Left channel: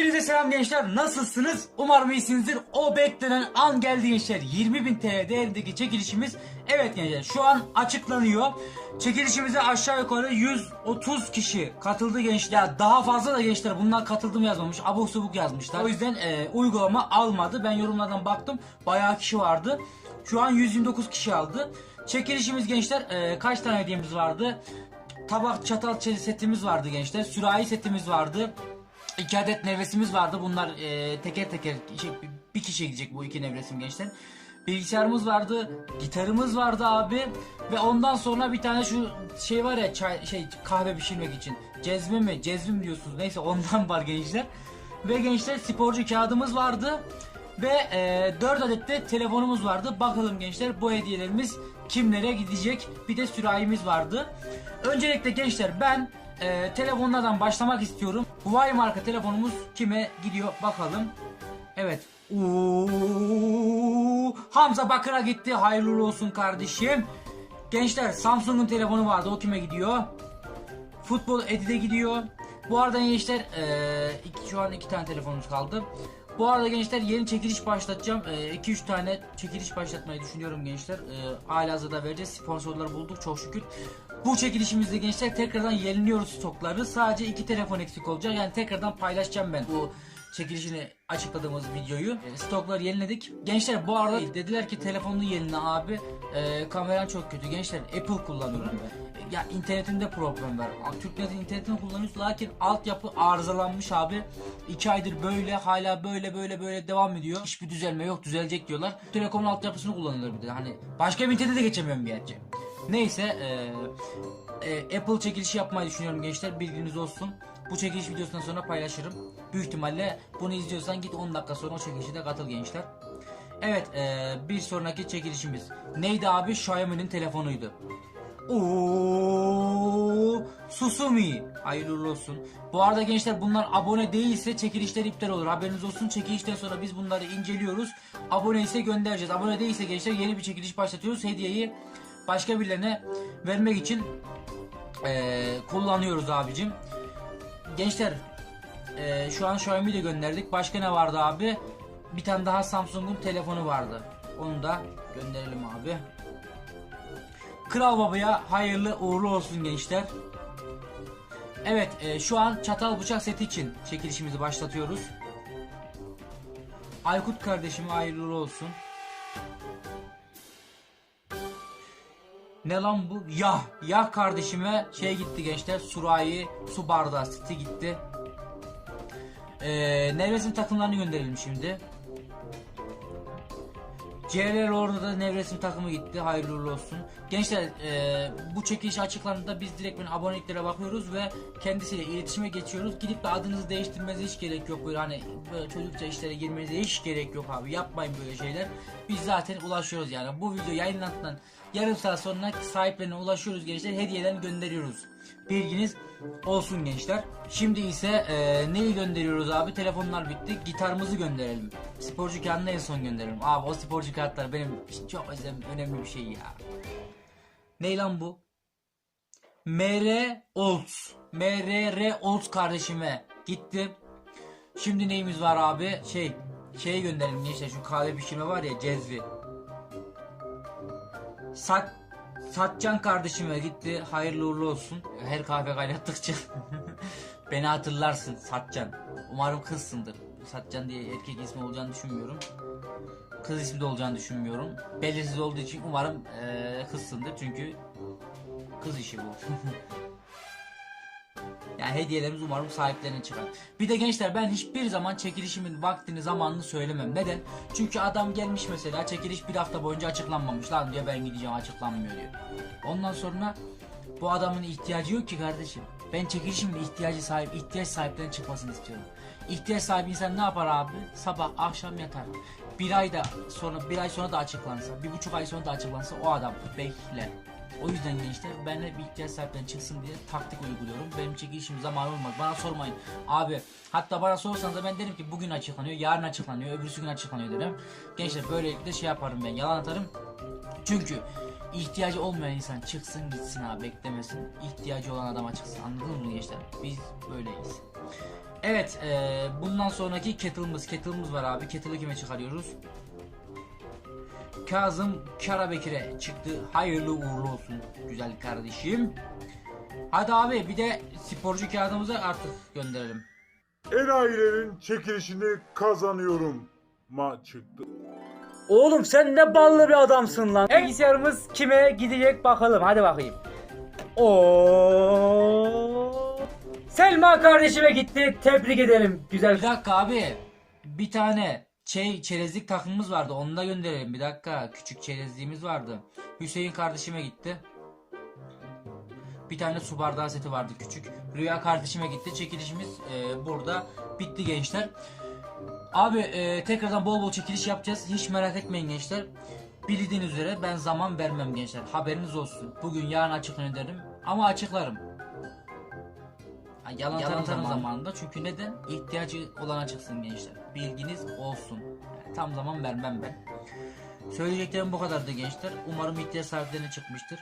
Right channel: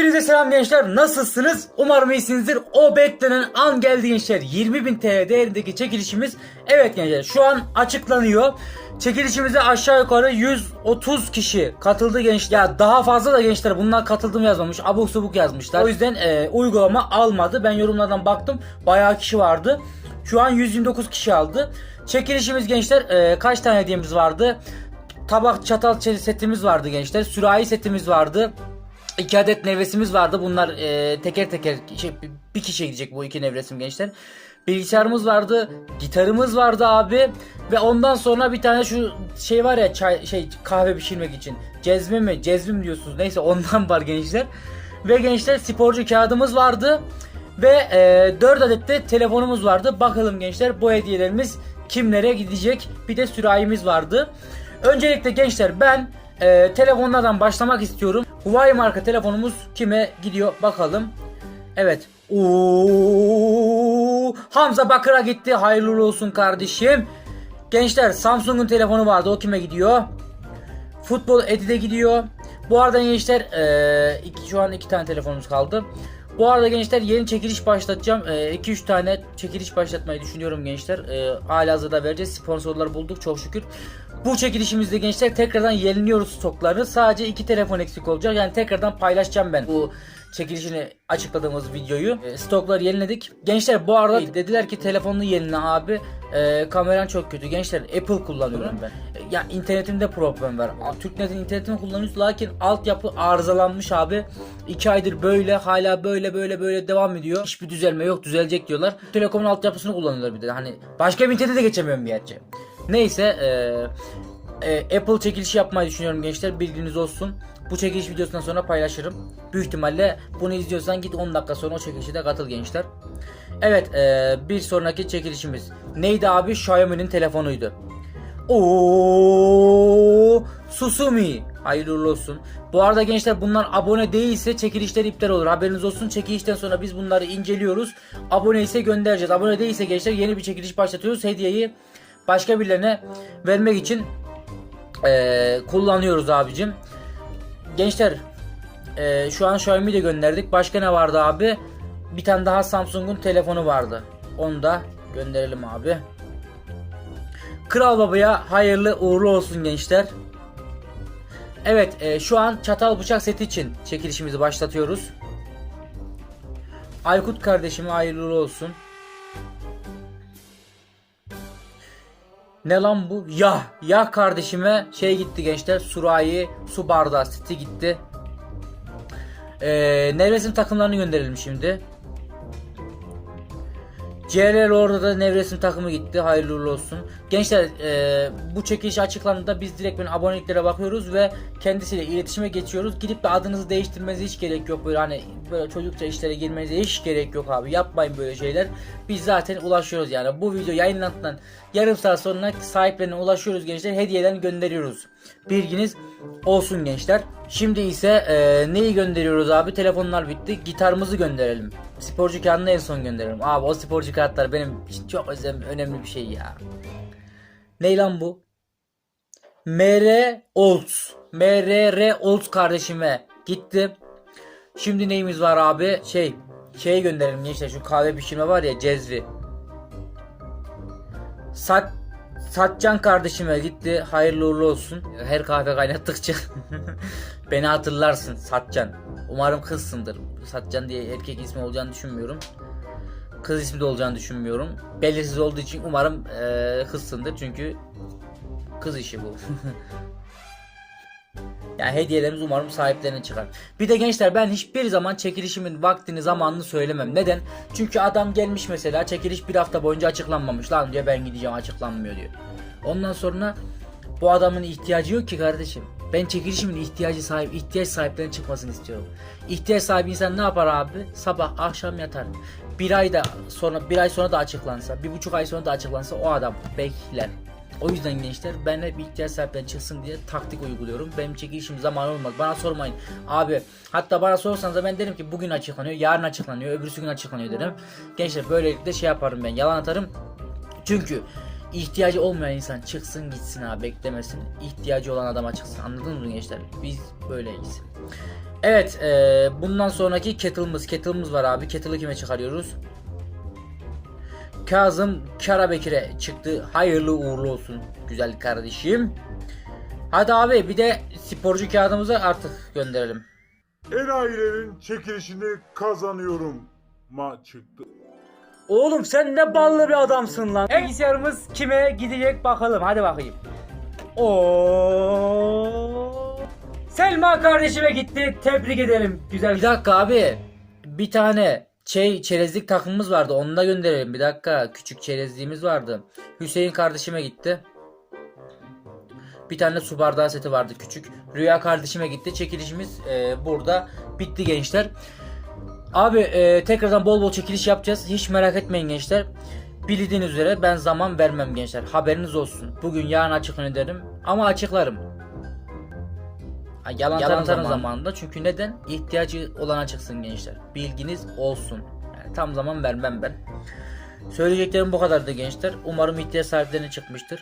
Hepinize selam gençler. Nasılsınız? Umarım iyisinizdir. O beklenen an geldi gençler. 20.000 TL değerindeki çekilişimiz. Evet gençler şu an açıklanıyor. Çekilişimize aşağı yukarı 130 kişi katıldı gençler. Ya daha fazla da gençler bunlar katıldım yazmamış. Abuk subuk yazmışlar. O yüzden e, uygulama almadı. Ben yorumlardan baktım. Bayağı kişi vardı. Şu an 129 kişi aldı. Çekilişimiz gençler e, kaç tane hediyemiz vardı? Tabak çatal setimiz vardı gençler. Sürahi setimiz vardı. İki adet nevresimiz vardı. Bunlar e, teker teker şey, bir kişiye gidecek bu iki nevresim gençler. Bilgisayarımız vardı, gitarımız vardı abi ve ondan sonra bir tane şu şey var ya çay şey kahve pişirmek için. Cezve mi? Cezve mi diyorsunuz? Neyse ondan var gençler. Ve gençler sporcu kağıdımız vardı ve e, 4 adet de telefonumuz vardı. Bakalım gençler bu hediyelerimiz kimlere gidecek? Bir de sürahimiz vardı. Öncelikle gençler ben e, telefonlardan başlamak istiyorum. Huawei marka telefonumuz kime gidiyor bakalım. Evet. Oo, Hamza Bakır'a gitti. Hayırlı olsun kardeşim. Gençler Samsung'un telefonu vardı. O kime gidiyor? Futbol Edi'de gidiyor. Bu arada gençler e, iki, şu an iki tane telefonumuz kaldı. Bu arada gençler yeni çekiliş başlatacağım. 2-3 tane çekiliş başlatmayı düşünüyorum gençler. E, hala hazırda vereceğiz. Sponsorlar bulduk çok şükür. Bu çekilişimizde gençler tekrardan yeniliyoruz stoklarını. Sadece iki telefon eksik olacak. Yani tekrardan paylaşacağım ben bu çekilişini açıkladığımız videoyu. E, stokları yeniledik. Gençler bu arada dediler ki telefonunu yenile abi. E, kameran çok kötü. Gençler Apple kullanıyorum ben. E, Ya internetimde problem var. Türknet'in internetini kullanıyoruz lakin altyapı arızalanmış abi. 2 aydır böyle hala böyle böyle böyle devam ediyor. Hiçbir düzelme yok düzelecek diyorlar. Telekom'un altyapısını kullanıyorlar bir de. Hani başka bir internete de geçemiyorum gerçi. Neyse e, e, Apple çekilişi yapmayı düşünüyorum gençler bilginiz olsun. Bu çekiliş videosundan sonra paylaşırım. Büyük ihtimalle bunu izliyorsan git 10 dakika sonra o çekilişe de katıl gençler. Evet e, bir sonraki çekilişimiz. Neydi abi? Xiaomi'nin telefonuydu. Oo, Susumi. Hayırlı olsun. Bu arada gençler bunlar abone değilse çekilişler iptal olur. Haberiniz olsun. Çekilişten sonra biz bunları inceliyoruz. Abone ise göndereceğiz. Abone değilse gençler yeni bir çekiliş başlatıyoruz. Hediyeyi başka birilerine vermek için eee, kullanıyoruz abicim. Gençler eee, şu an Xiaomi de gönderdik. Başka ne vardı abi? Bir tane daha Samsung'un telefonu vardı. Onu da gönderelim abi. Kral Baba'ya hayırlı uğurlu olsun gençler. Evet e, şu an çatal bıçak seti için çekilişimizi başlatıyoruz. Aykut kardeşime hayırlı olsun. Ne lan bu? Ya, ya kardeşime şey gitti gençler. Surayi, su bardağı seti gitti. Ee, Nevresim takımlarını gönderelim şimdi. CLL orada da nevresim takımı gitti. Hayırlı olsun. Gençler e, bu çekiliş açıklandığında biz direkt ben aboneliklere bakıyoruz ve kendisiyle iletişime geçiyoruz. Gidip de adınızı değiştirmenize hiç gerek yok. Böyle hani böyle çocukça işlere girmenize hiç gerek yok abi. Yapmayın böyle şeyler. Biz zaten ulaşıyoruz yani. Bu video yayınlandıktan yarım saat sonra sahiplerine ulaşıyoruz gençler. Hediyeden gönderiyoruz. Bilginiz olsun gençler. Şimdi ise e, neyi gönderiyoruz abi? Telefonlar bitti. Gitarımızı gönderelim. Sporcu kağıdını en son gönderelim. Abi o sporcu kağıtlar benim için çok önemli bir şey ya. Ney lan bu? MR Olds. MRR Olds kardeşime gitti. Şimdi neyimiz var abi? Şey, şey gönderelim gençler şu kahve pişirme var ya cezvi. Sat Satcan kardeşime gitti. Hayırlı uğurlu olsun. Her kahve kaynattıkça beni hatırlarsın Satcan. Umarım kızsındır. Satcan diye erkek ismi olacağını düşünmüyorum. Kız ismi de olacağını düşünmüyorum. Belirsiz olduğu için umarım eee kızsındır çünkü kız işi bu. Yani hediyelerimiz umarım sahiplerine çıkar. Bir de gençler ben hiçbir zaman çekilişimin vaktini zamanını söylemem. Neden? Çünkü adam gelmiş mesela çekiliş bir hafta boyunca açıklanmamış. Lan diyor ben gideceğim açıklanmıyor diyor. Ondan sonra bu adamın ihtiyacı yok ki kardeşim. Ben çekilişimin ihtiyacı sahip, ihtiyaç sahiplerine çıkmasını istiyorum. İhtiyaç sahibi insan ne yapar abi? Sabah akşam yatar. Bir ay da sonra bir ay sonra da açıklansa, bir buçuk ay sonra da açıklansa o adam bekler. O yüzden gençler ben hep ihtiyaç sahipleri çıksın diye taktik uyguluyorum. Benim çekilişim zamanı olmaz. Bana sormayın. Abi hatta bana sorsanız da ben derim ki bugün açıklanıyor, yarın açıklanıyor, öbürsü gün açıklanıyor derim. Gençler böylelikle şey yaparım ben. Yalan atarım. Çünkü ihtiyacı olmayan insan çıksın gitsin abi beklemesin. İhtiyacı olan adama çıksın. Anladınız mı gençler? Biz böyleyiz. Evet e, bundan sonraki kettle'ımız. Kettle'ımız var abi. Kettle'ı kime çıkarıyoruz? Kazım Karabekir'e çıktı. Hayırlı uğurlu olsun güzel kardeşim. Hadi abi bir de sporcu kağıdımızı artık gönderelim. Enayilerin çekilişini kazanıyorum ma çıktı. Oğlum sen ne ballı bir adamsın lan. Bilgisayarımız kime gidecek bakalım. Hadi bakayım. Oo. Selma kardeşime gitti. Tebrik edelim. Güzel. Bir dakika abi. Bir tane şey çerezlik takımımız vardı. Onu da gönderelim. Bir dakika. Küçük çerezliğimiz vardı. Hüseyin kardeşime gitti. Bir tane su bardağı seti vardı küçük. Rüya kardeşime gitti. Çekilişimiz e, burada bitti gençler. Abi e, tekrardan bol bol çekiliş yapacağız. Hiç merak etmeyin gençler. Bildiğiniz üzere ben zaman vermem gençler. Haberiniz olsun. Bugün yarın açıklan ederim. Ama açıklarım. Yalan, Yalan zaman. zamanında. Çünkü neden? İhtiyacı olan açıksın gençler. Bilginiz olsun. Yani tam zaman vermem ben. Söyleyeceklerim bu kadardı gençler. Umarım ihtiyaç sahiplerine çıkmıştır.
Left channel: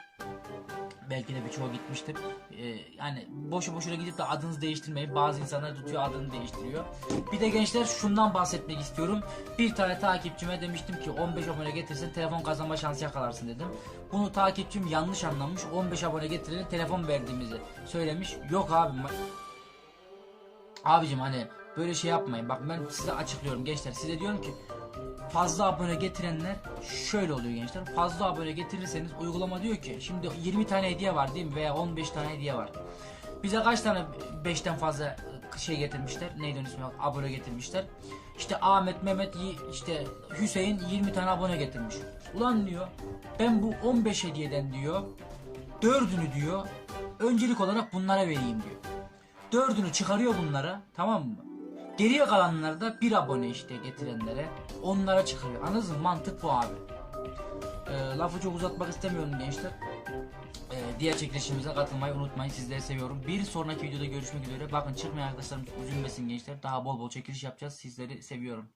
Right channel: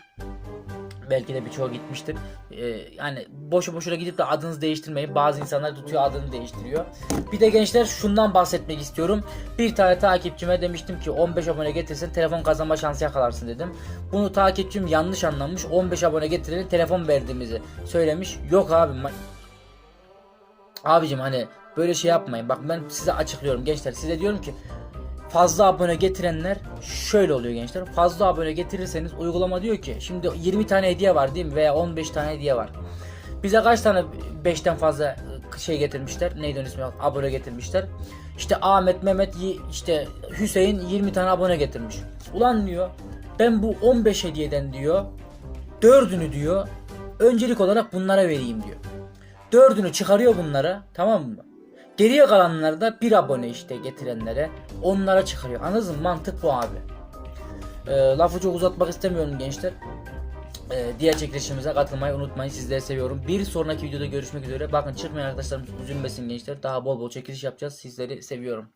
Belki de birçoğu gitmiştir. Ee, yani boşu boşuna gidip de adınızı değiştirmeyin. Bazı insanlar tutuyor adını değiştiriyor. Bir de gençler şundan bahsetmek istiyorum. Bir tane takipçime demiştim ki 15 abone getirsin telefon kazanma şansı yakalarsın dedim. Bunu takipçim yanlış anlamış. 15 abone getirelim telefon verdiğimizi söylemiş. Yok abi. Abicim hani böyle şey yapmayın. Bak ben size açıklıyorum gençler. Size diyorum ki fazla abone getirenler şöyle oluyor gençler. Fazla abone getirirseniz uygulama diyor ki şimdi 20 tane hediye var değil mi veya 15 tane hediye var. Bize kaç tane 5'ten fazla şey getirmişler. Neydi ismi? Abone getirmişler. İşte Ahmet, Mehmet, işte Hüseyin 20 tane abone getirmiş. Ulan diyor ben bu 15 hediyeden diyor dördünü diyor öncelik olarak bunlara vereyim diyor. Dördünü çıkarıyor bunlara tamam mı? Geriye kalanları da bir abone işte getirenlere onlara çıkarıyor. Anladınız mı? Mantık bu abi. Ee, lafı çok uzatmak istemiyorum gençler. Ee, diğer çekilişimize katılmayı unutmayın. Sizleri seviyorum. Bir sonraki videoda görüşmek üzere. Bakın çıkmayan arkadaşlarım üzülmesin gençler. Daha bol bol çekiliş yapacağız. Sizleri seviyorum.